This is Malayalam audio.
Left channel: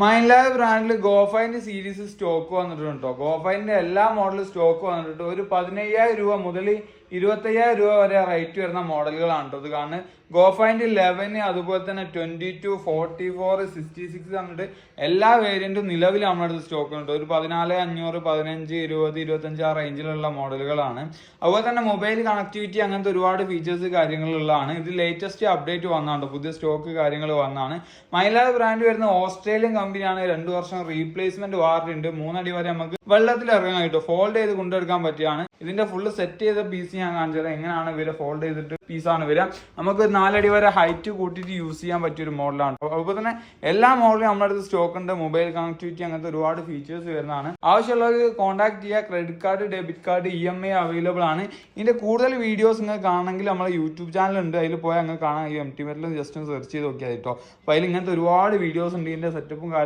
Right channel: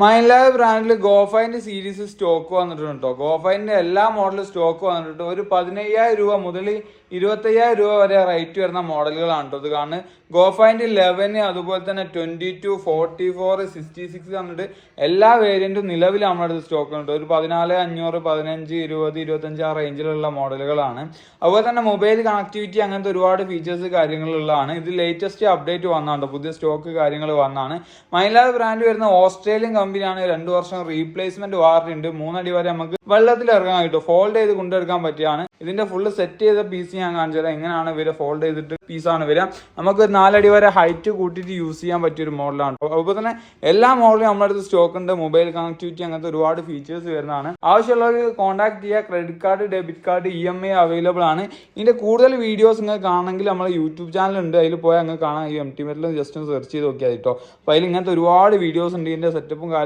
മൈൻലാബ് ബ്രാൻഡിൽ ഗോഫൈൻ്റെ സീരീസ് സ്റ്റോക്ക് വന്നിട്ടുണ്ട് കേട്ടോ. ഗോഫൈൻ്റെ എല്ലാ മോഡലും സ്റ്റോക്ക് വന്നിട്ടുണ്ട്. ഒരു 15,000 രൂപ മുതൽ 25,000 രൂപ വരെ റേറ്റ് വരുന്ന മോഡലുകളാണ് കേട്ടോ ഇത് കാണുന്നത്. ഗോഫൈൻ്റെ 11 അതുപോലെ തന്നെ 22, 44, 66 വന്നിട്ട് എല്ലാ വേരിയന്റും നിലവിൽ നമ്മുടെ സ്റ്റോക്ക് ഉണ്ട്. ഒരു 14,500, 15, 20, 25 ആ റേഞ്ചിലുള്ള മോഡലുകളാണ്. അതുപോലെ തന്നെ മൊബൈൽ കണക്ടിവിറ്റി അങ്ങനത്തെ ഒരുപാട് ഫീച്ചേഴ്സ് കാര്യങ്ങളുള്ളതാണ്. ഇത് ലേറ്റസ്റ്റ് അപ്ഡേറ്റ് വന്നാണ്, പുതിയ സ്റ്റോക്ക് കാര്യങ്ങൾ വന്നാണ്. മൈൻലാബ് ബ്രാൻഡ് വരുന്ന ഓസ്ട്രേലിയൻ കമ്പനിയാണ്. 2 വർഷം റീപ്ലേസ്മെന്റ് വാറന്റി ഉണ്ട്. 3 അടി വരെ നമുക്ക് വെള്ളത്തിൽ ഇറങ്ങാൻ കിട്ടും. ഫോൾഡ് ചെയ്ത് കൊണ്ടെടുക്കാൻ പറ്റിയാണ്. ഇതിന്റെ ഫുള്ള് സെറ്റ് ചെയ്ത പീസ് ഞാൻ കാണിച്ചു തരാം. എങ്ങനെയാണ് ഇവരെ ഫോൾഡ് ചെയ്തിട്ട് പീസാണ് വരിക. നമുക്ക് 4 അടി വരെ ഹൈറ്റ് കൂട്ടിയിട്ട് യൂസ് ചെയ്യാൻ പറ്റിയ ഒരു മോഡലാണ്. അതുപോലെ തന്നെ എല്ലാ മോഡലും നമ്മുടെ അടുത്ത് സ്റ്റോക്ക് ഉണ്ട്. മൊബൈൽ കണക്ടിവിറ്റി അങ്ങനത്തെ ഒരുപാട് ഫീച്ചേഴ്സ് വരുന്നതാണ്. ആവശ്യമുള്ളവർ കോൺടാക്ട് ചെയ്യുക. Credit card, debit card, EMI available ആണ്. ഇതിന്റെ കൂടുതൽ വീഡിയോസ് നിങ്ങൾക്ക് കാണണമെങ്കിൽ നമ്മുടെ യൂട്യൂബ് ചാനൽ ഉണ്ട്, അതിൽ പോയാൽ നിങ്ങൾക്ക് കാണാം. ഈ MT മെറ്റൽ ജസ്റ്റ് ഒന്ന് സെർച്ച് ചെയ്ത് നോക്കിയാൽ കേട്ടോ. അപ്പോൾ അതിൽ ഇങ്ങനത്തെ ഒരുപാട് വീഡിയോസ് ഉണ്ട്. ഇതിന്റെ സെറ്റപ്പും